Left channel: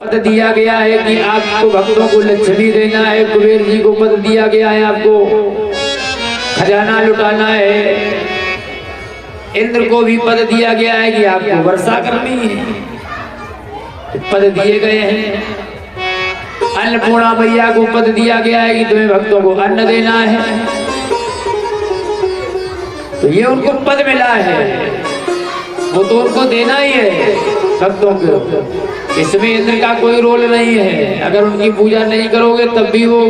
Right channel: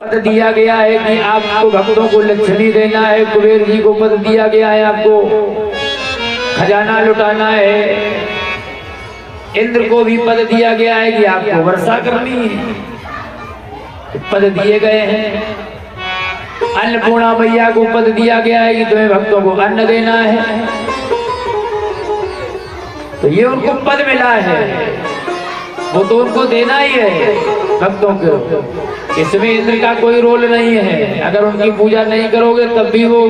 पद दिया गया है कि आपको भक्तों को लक्ष्मी देना है। कुबेर जी को पद दिया गया है, आपको खजाना लुटाना है। इंद्र को भी पद दिया गया है कि आपको वर्षा करनी है। पद दिए गए हैं। अन्नपूर्णा मैया को पद दिया गया है कि तुम्हें भक्तों को अन्न देना है। तो ये उनको पद मिला है, वो तो उनको देना ही है भक्तों को। इसमें इंद्र का कोई रोल नहीं है। अगर उनकी पूजा नहीं करोगे तब भी वो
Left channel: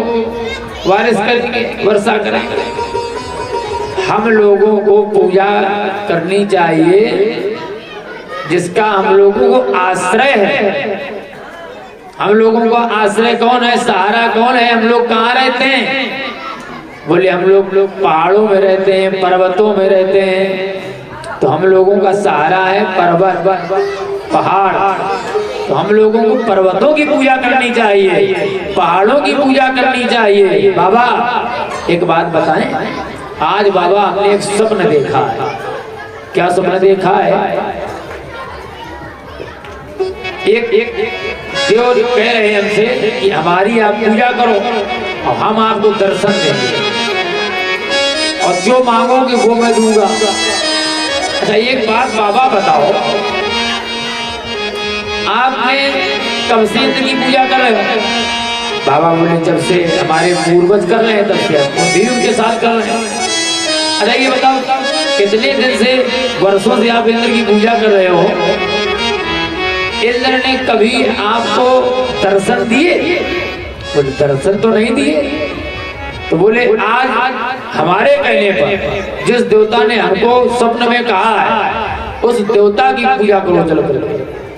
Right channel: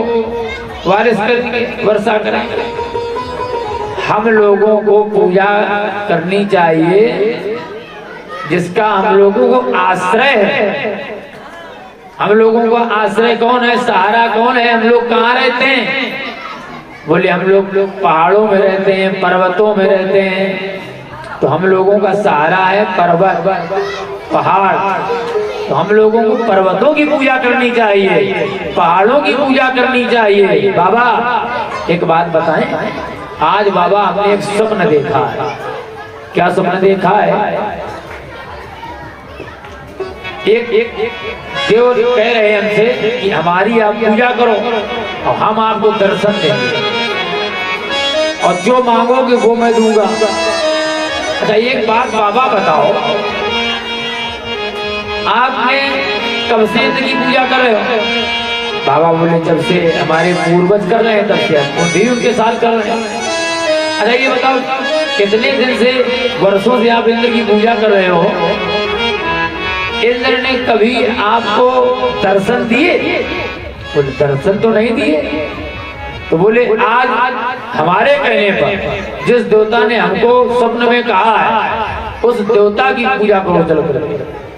बारिश करेंगे, वर्षा करेंगे। हम लोगों को पूजा करनी चाहिए जिसका हम लोगों को आश्रय है। हम लोगों का आश्रय कौन है, सहारा कौन है? हम लोग कहाँ रहते हैं? बोले हम लोग पहाड़ों में रहते हैं, पर्वतों में रहते हैं। तो हम लोगों का सहारा है पर्वत, पहाड़। तो हम लोगों को पर्वतों की पूजा करनी चाहिए, पहाड़ों की पूजा करनी चाहिए। बाबा एक बात बताएं, आज बाबा हमने एक स्वप्न देखा है। क्या स्वप्न देखा है? एक देव कह रहे हैं हमसे कि हमारी आप पूजा करो और हम आपको दर्शन देंगे और जो मांगोगे वो मैं दूंगा। अच्छा एक बात बाबा बताओ, आपने कब से इंद्र की पूजा कर रहे हो? बाबा बोले जब से हमारे पूर्वज कर रहे हैं तब से हम भी उनके साथ कर रहे हैं। अच्छा ये बताओ कितने दिन से, वर्षों से आप इंद्र की पूजा कर रहे हो? इंद्र ने कभी आपको दर्शन दिए? बोले दर्शन तो नहीं दिए। तो बोले आज हमारे कहने पर जिस देवता ने हमको स्वप्न में कहा है उस देवता की पूजा करो, चलो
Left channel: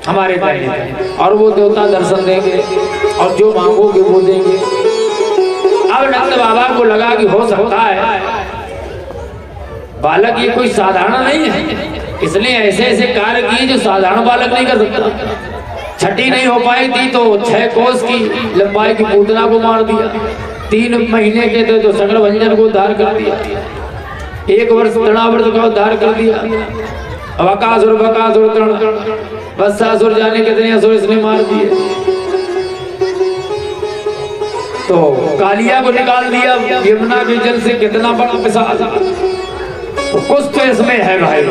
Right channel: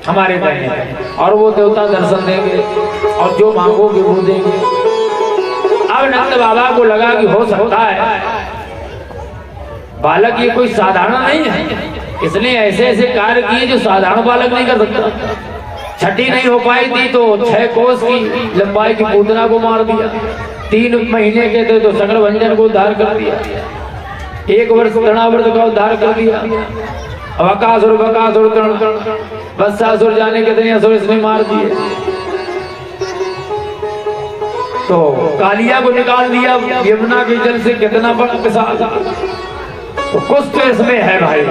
हमारे कहने पर, और वो देवता दर्शन देंगे और जो मांगोगे वो देंगे। अब नंद बाबा को लगा कि हो सकता है बालक ये कोई साधारण नहीं है, इसलिए ऐसे ऐसे कार्य किए जो साधारण बालक नहीं कर सकता। छठी नहीं हो पाई थी तो 6 कोस की लंबाई की पूतना को मार दिया। 3 महीने के थे तो सकल भंजन को उद्धार कर दिया। 1 वर्ष तृणावर्त का उद्धार कर दिया। अब अकासुर बत्सासुर जाने कितने असुर इसने मार दिए। तो कालिया को निकाल दिया यमुना के जल से, कितना बड़ा पिशाच। तो कुछ तो इसमें है भाई।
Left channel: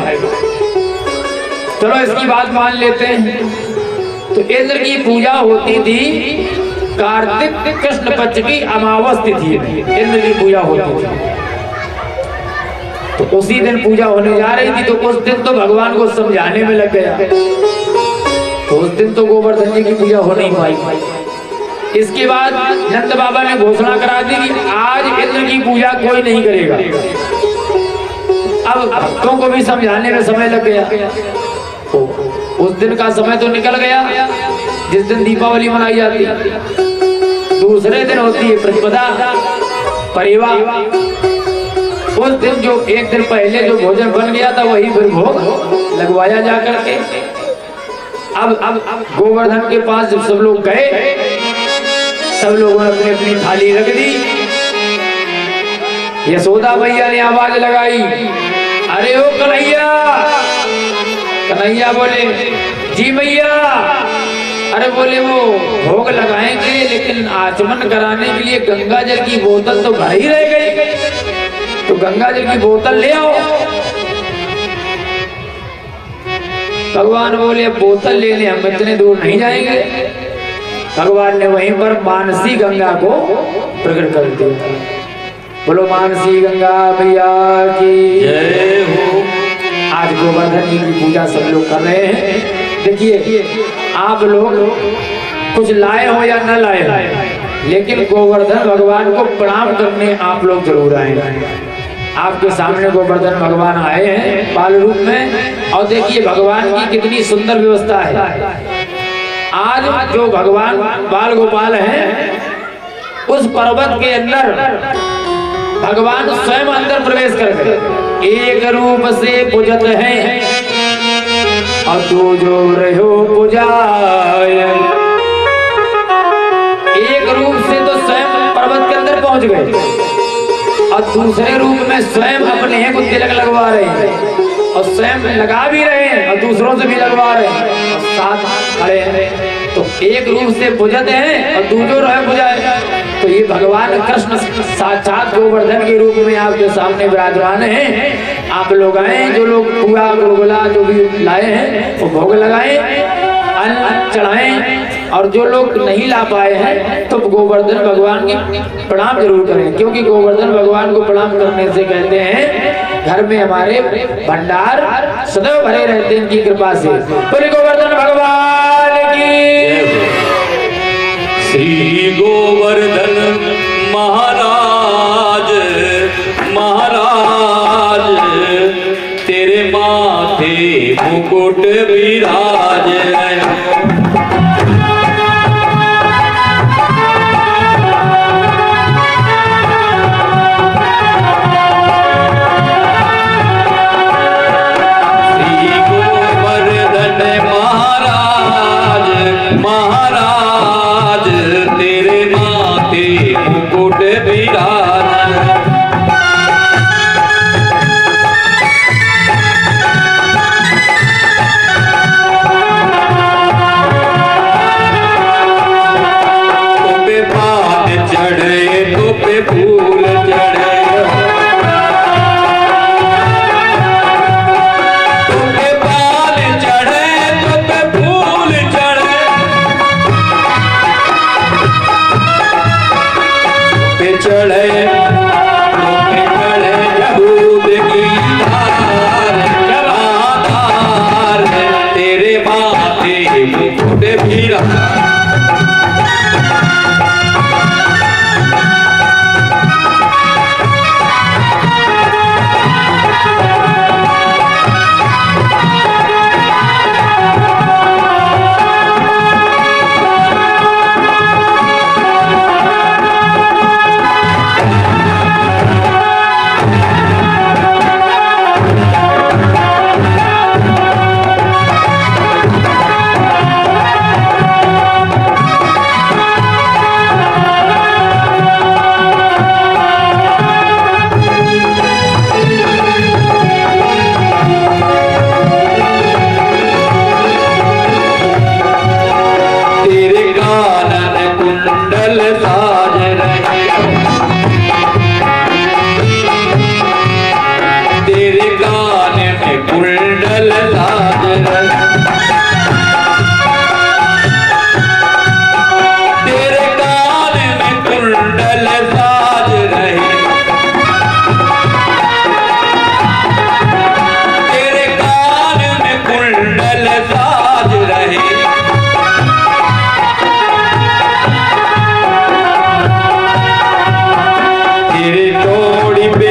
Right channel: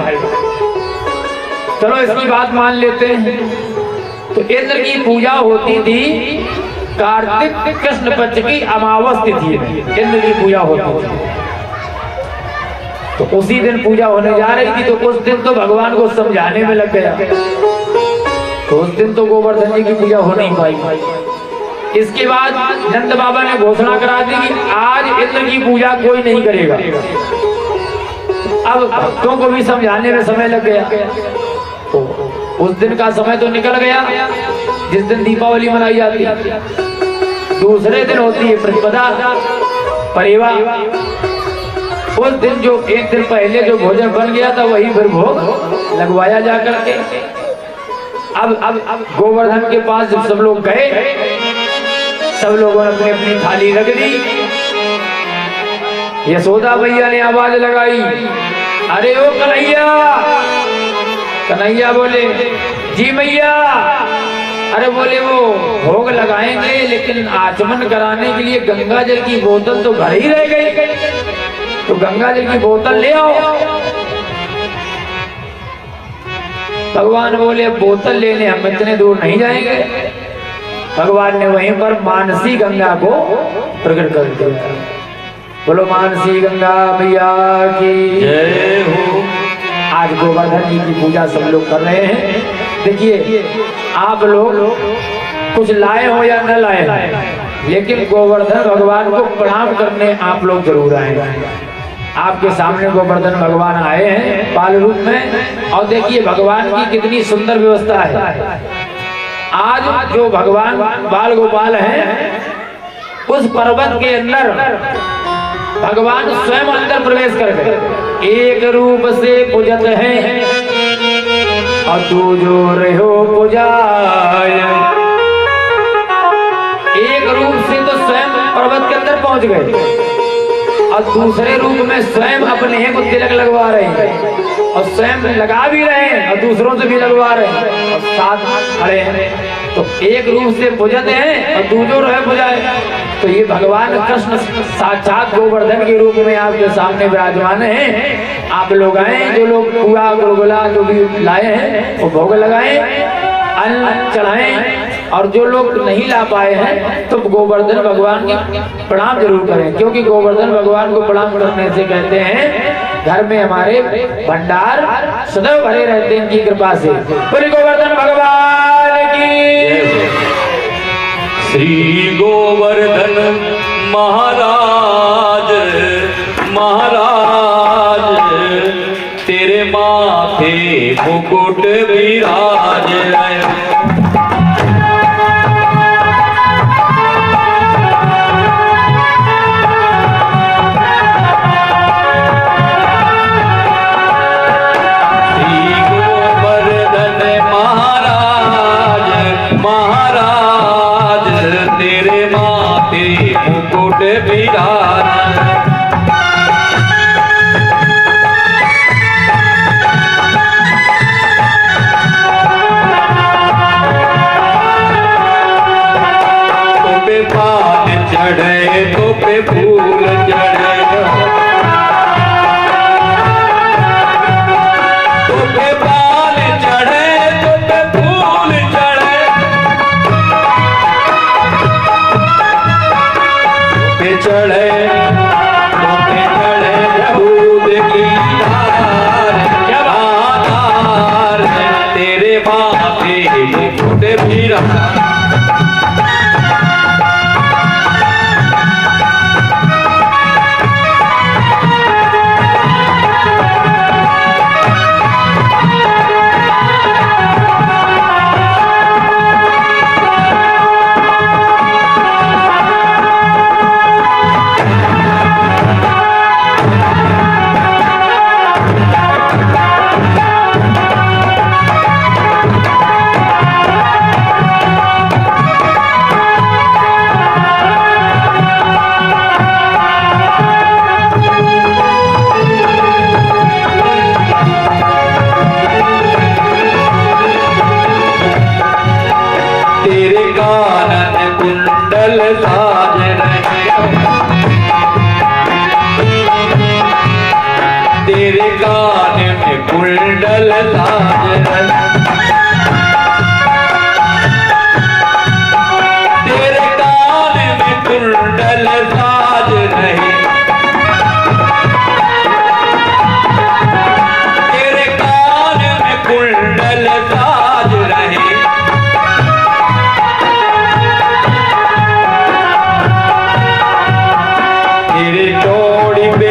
चलो इसकी बात मान लेते हैं। तो इंद्र की पूजा होती थी कार्तिक कृष्ण पक्ष की अमावस तिथि में, इंद्र की पूजा होती थी। तो उसी दिन पूजा होने जा रही थी। तो उस दिन तो भगवान को समझाने में लग गया। तो उस दिन तो गोवर्धन जी की पूजा हो नहीं पाई। इसके बाद नंद बाबा ने घोषणा करा दी कि आज इंद्र की पूजा कोई नहीं करेगा। अब भक्तों को भी समझाने में समय लग गया। तो उस दिन का समय तो निकल गया जिस दिन दीपावली मनाई जाती है। दूसरे दिन होती है प्रतिपदा परेवा। उस दिन जो एक दिन पहले जो भोजन बन गया था वही फिर भोग लगवाया जा करके। अब गोवर्धन के पास जब सब लोग गए, सब लोगों ने अपनी अपनी थाली रख दी। यशोदा मैया ने आवाज लगाई, अरे ओ कन्हैया। कन्हैया बोले जी मैया। अरे बोले वो भोग लगाएंगे लेकिन आचमन कराने के लिए गंगा जल की बोतल तो भाई रह गई, तो गंगा जल की बोतल ले आओ। भगवान बोले बोतल लेने हम इतने दूर नहीं जाएंगे। भगवान ने वहीं पर मानसी गंगा को प्रकट कर दिया। बोलो मानसी गंगा मैया की जय हो। आज गोवर्धन जी की पूजा सब लोग कर रहे हैं। देखिए आप लोग कुछ लाए हो या न लाए, लेकिन गोवर्धन भगवान को प्रणाम करने आप लोग जरूर आए। आपके सामने गोवर्धन भगवान आए हैं बाल रूप में, और देखिए भगवान की कितनी सुंदर व्यवस्था है। आज जो भगवान बाल गोपाल हैं उस पर्वत के अंदर भगवान स्वयं अंदर प्रवेश करके एक रूप से पूजत हैं और तू जो रहो पुजाय। एक रूप से तो स्वयं पर्वत के अंदर पहुंच गए और दूसरे रूप में स्वयं अपने को तिलक लगवा रहे हैं। और स्वयं लगा भी रहे हैं और दूसरों से भी लगवा रहे हैं और साथ खड़े हैं, तो एक रूप से बुझते हैं और दूजो रहे बुझाए। तो ये भगवान कृष्ण साक्षात गोवर्धन के रूप में आपके सामने विराजमान हैं। आप लोग आए, जो लोग पूरा गुलगुला जो भी लाए हैं वो भोग लगाएं, अन्न चढ़ाएं, और जो लोग नहीं ला पाए हैं तो गोवर्धन भगवान के प्रणाम जरूर करें, क्योंकि गोवर्धन भगवान को प्रणाम करने से कहते हैं घर में हमारे भंडार सदैव भरे रहते हैं इनकी कृपा से। बोले गोवर्धन भगवान की। श्री गोवर्धन महाराज महाराज तेरे माथे मुकुट विराज। महाराज तेरे माथे मुकुट विराज। तुपे पान चढ़े तुपे फूल चढ़े, तुपे पान चढ़े तुपे फूल चढ़े, पे चढ़े तुपे चढ़े दूध की धार, तेरे माथे मुकुट विराज। तेरे कानन कुंडल साज रहे, तेरे कान में कुंडल साज रहे, तेरे कान में कुंडल साज रहे, तेरे कान में कुंडल साज रहे। तेरे टोड़ी पे